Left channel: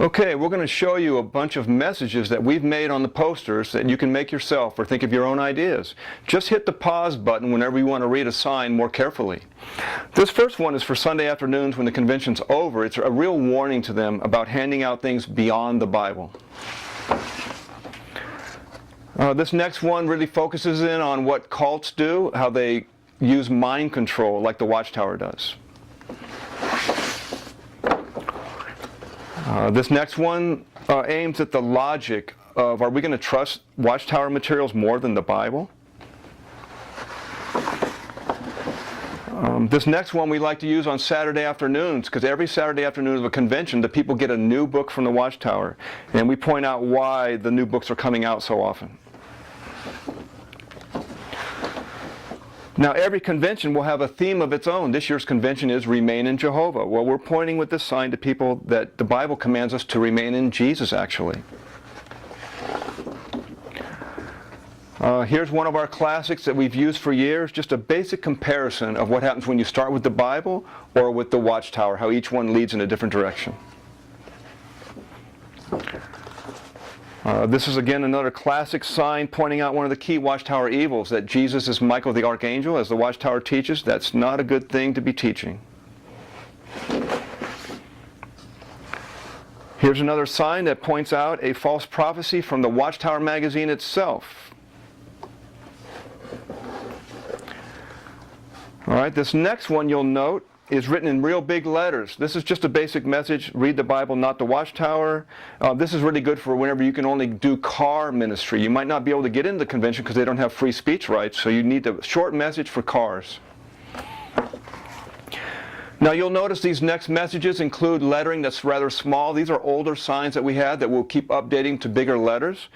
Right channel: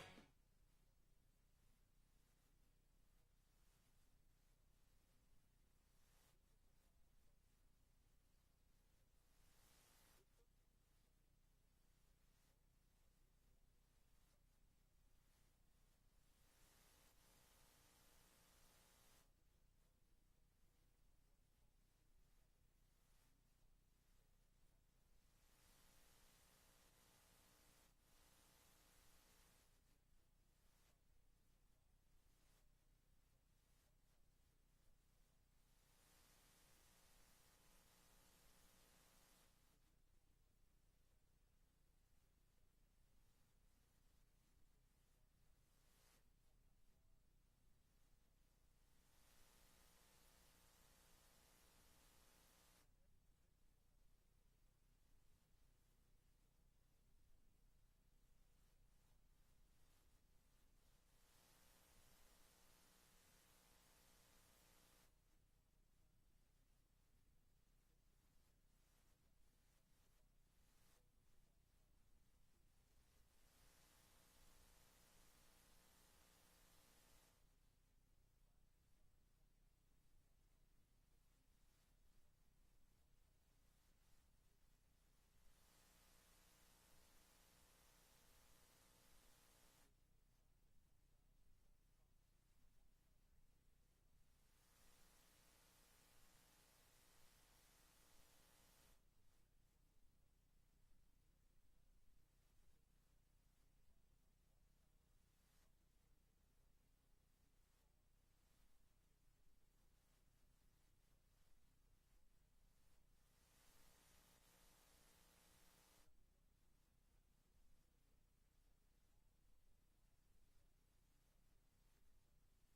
Okay, we're going to show you a bunch of messages that we've made on the posters that you can make yourself or think of your own ideas. Just hit the pause button whenever you want to read a sign more carefully. This first one is for Sunday afternoons when the convention's over. It's a real warning to them about handing out things beyond the Bible. This next one really focuses in on what cults do, how they use mind control like the Watchtower does. This next one aims at the logic of, are we going to trust Watchtower materials more than the Bible? This next one we like to use on Saturday afternoons, because every Saturday afternoon of a convention the people get a new book from the Watchtower, and we point out why the new books are coming out so often. Now, every convention will have a theme of its own. This year's convention is Remain in Jehovah. Well, we're pointing with this sign to people that the Bible commands us to remain in Jesus, actually. Here's one of our classics that we've used for years, just a basic comparison of what happens when you start with the Bible or with the Watchtower, how each one leads in a different direction. This is again another classic sign pointing out one of the key Watchtower evils, that Jesus is Michael the Archangel, as the Watchtower teaches. That's not a good thing to be teaching. Here's another sign that points out a false prophecy from the Watchtower magazine itself. All right, this next one you'll note is written in real big letters. This is just a basic message: read the Bible, not the Watchtower. This is really good for whenever you can only do car ministry. You might not be able to get into the convention because they don't have free speech rights, so you need a short message for cars. Now you'll notice these next messages include lettering that's rather small. These are older signs that we had that we'll keep updating to bigger letters.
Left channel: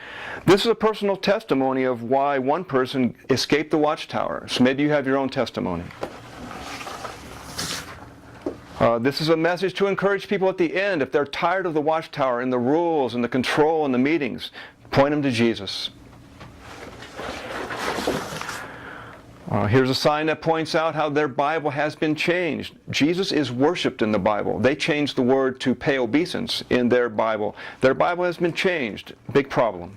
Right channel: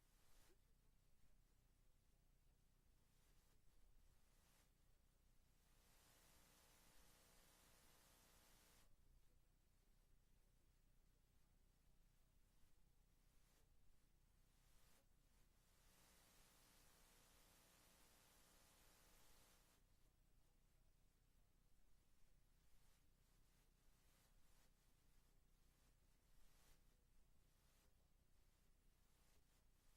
This is a personal testimony of why one person escaped the Watchtower. So maybe you have your own testimony. This is a message to encourage people at the end. If they're tired of the Watchtower and the rules and the control and the meetings, point them to Jesus. Here's a sign that points out how their Bible has been changed. Jesus is worshipped in the Bible. They changed the word to pay obeisance in their Bible. Their Bible has been changed. Big problem.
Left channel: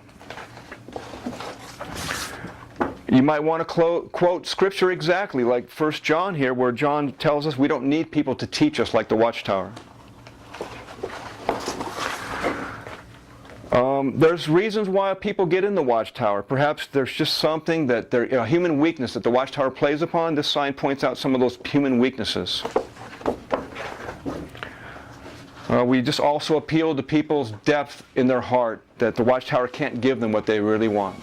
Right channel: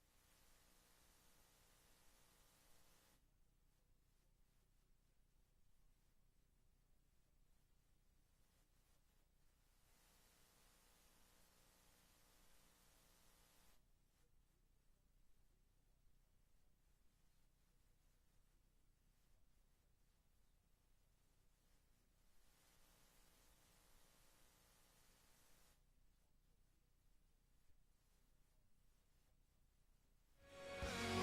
You might want to quote Scripture exactly, like 1 John here, where John tells us we don't need people to teach us like the Watchtower. There's reasons why people get in the Watchtower. Perhaps there's just something that a human weakness that the Watchtower plays upon. This sign points out some of those human weaknesses. We just also appeal to people's depth in their heart, that the Watchtower can't give them what they really want.